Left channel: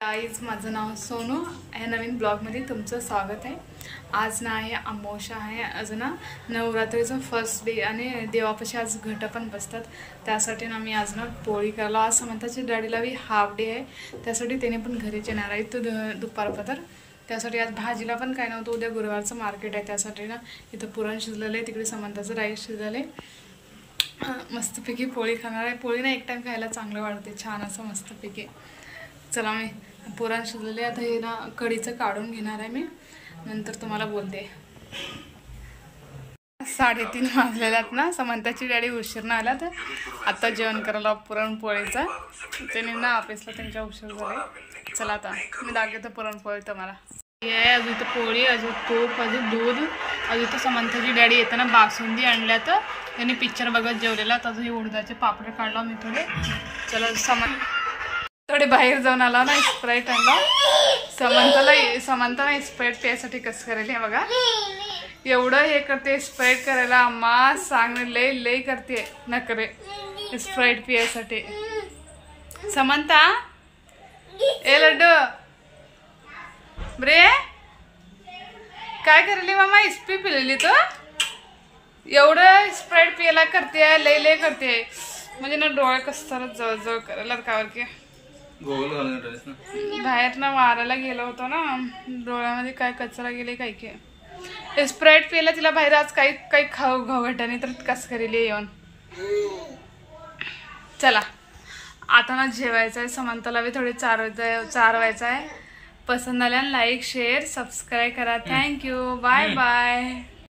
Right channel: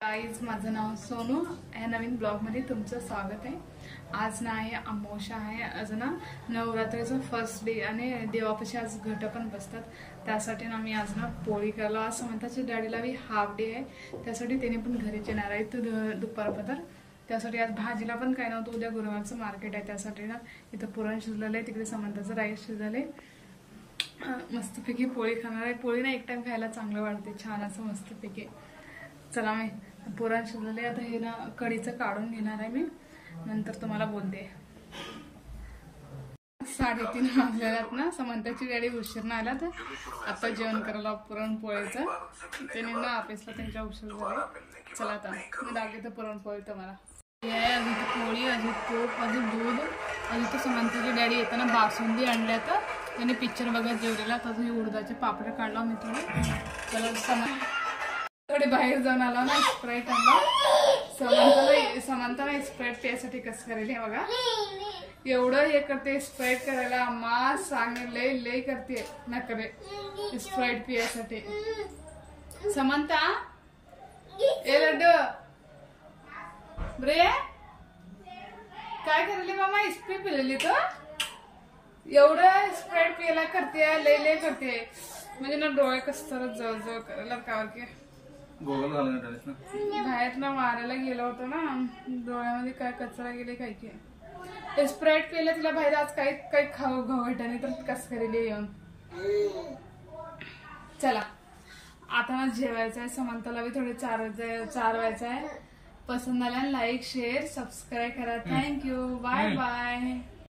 Guys, माझं नाव सोनू. ह्या नवीन ब्लॉगमध्ये तुमचं स्वागत आहे. आज ना आहे अमावस्या आहे, आज ना नवरात्रीचं फर्स्ट डे आणि देवापाशी आज घट पण बसतात. त्यासाठी ना मी आज ना पोळी करायला, आज समंताच्या डॅडीला बी हाफ डे आहे, त्यासाठी त्याने पण घरीच येणार आहे तो दुपारपतर. त्यासाठी आज भाजीला पण काय नव्हतं, उद्या गुरुवारचं मार्केट आहे, त्यासाठी ना इथं पुरण शिजलेलं आहे, तिकडे समंताचं राईस शिजलेलं आहे. मस्तपैकी पोळी खाणार आहे. पोळी ना एक टाइम खायला चांगलं वाटते, छान असं मस्तपैकी. चला मी पुरण शिजलेले, आता हे ना कढीचं काढून घेणार आहे मी, नंतर तुम्हाला बोलते. 3:30 वाजलेल्यात ना, समंताची डॅडी उशीरनं आला, तर आता जेवण करायला पुरणपोळीचं. त्याने ना ऑफिसला त्यांच्या उशीर झाले. चला आता मी दाखवतो पुरणपोळी तुम्हाला. हे अजून तर पोळी, अजून तूप, अजून दूध, अजून तर समंताची डॅडी येताना बासुंदी आणल्या, तर त्यांनी पिक्चर बघत जेवलेला. तसं हे उडदाचे पापड काढला मी थोडे. चला थोडे बाहेर जाऊन आला ना, स्प्राईट आणला. समंताला स्प्राईट प्यायसाठी कसं करायला हे बघा, एवढं हे करते स्प्राईट करायला. अम्मा सांग, लय करते नखरे स्प्राईट प्यायसाठी. समंता ए लड्डू बरे काय करायली मामा, इस्पी पिलेली तो एवढं स्प्राईट प्यायला करते, लय करते. म्हणजे ना डोळे कसं जवळ करायला कावर की बाहेर ना मारायला गेलो होतो ना, डोळ्यामध्ये काय कचरा गेले काय की. स्प्राईट पियला तिला बाहेर आज काही खाऊ घावघटाने, तर कसं करेल येऊन. चला आता ना जेवायचं आहे. समंताला बी थोडे चारवायचं आहे. पसंत आल्यानं लाईक शेअर सबस्क्राईब करा. Thank you, bye bye.